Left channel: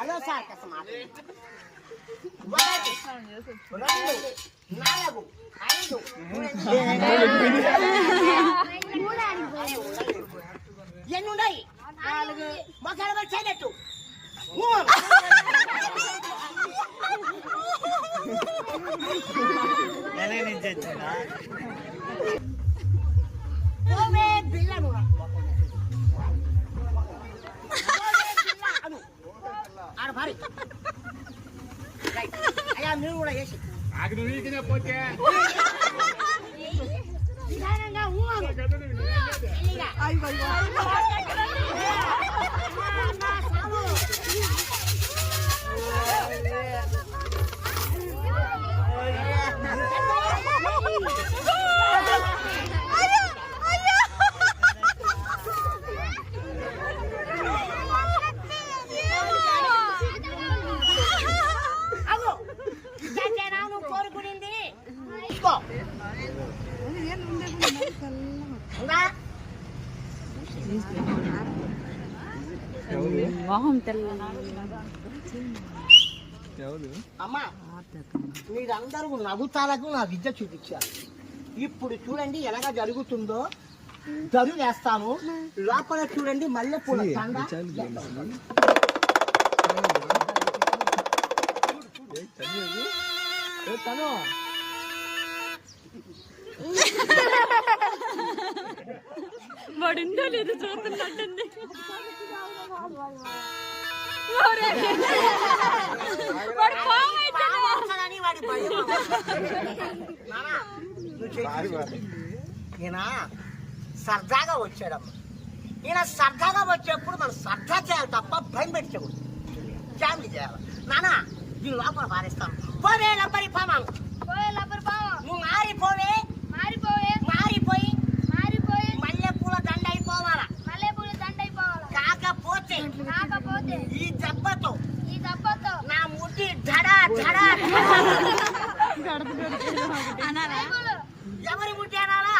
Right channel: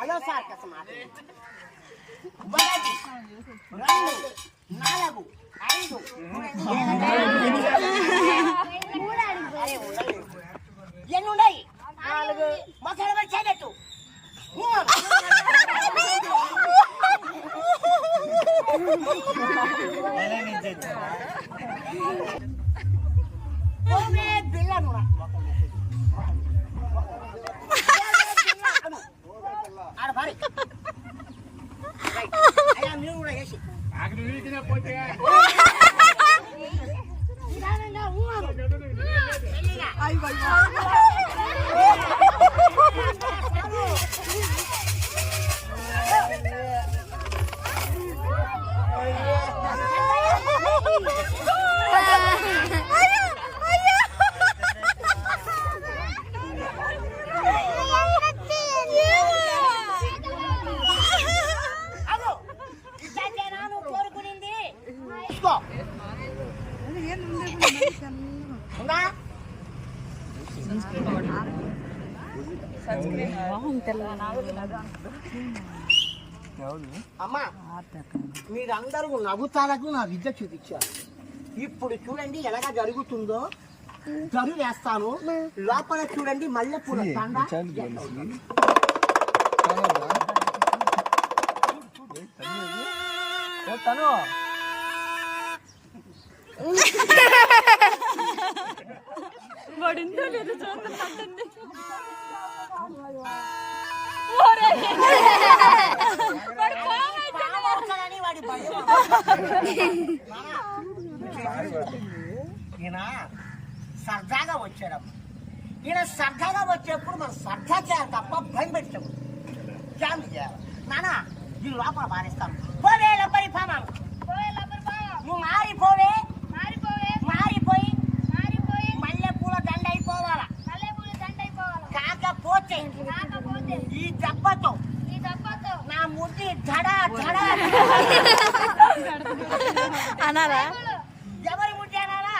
Hello sir ఒకటి, రెండు, నాలుగు, ఐదు, ఎన్ని ఉన్నాయి? నాలుగు. మొసలు పెట్టి చేయనట్టు బిల్లను ఆడ భారీ అయ్యా మీరు కూడా వేసి పోతే అమ్మా మీరందరూ నవ్వుతాలకు నా విద్య చూపించారు. ఇప్పుడు చూడండి ఎలాగా జరుగుతుందో. జరు వేస్తాను లోపల చూడండి మల్లెపూల తను వాడిందో లేదో చూస్తున్నట్టుంది. ఈయన సరదాగా వచ్చాడమ్మ. ఈయన సరదాగా వచ్చేప్పుడు మనం సరదా చేయాలి తప్ప భయం పెట్టకూడదు. ఫ్యామిలీ చేయాలి. నానా ఈ లోపల పారేస్తాను. పోవే లబ్బరి పామాను, నువ్వు మారిపోవే, మారిపోయి మల్లెపూల దండ అయిపోవాలా. కాకపోతే ఈ దెబ్బతో నా ముట్టి ధడా ధడా అనాలా? ఎవరి ముట్టి అనాలా?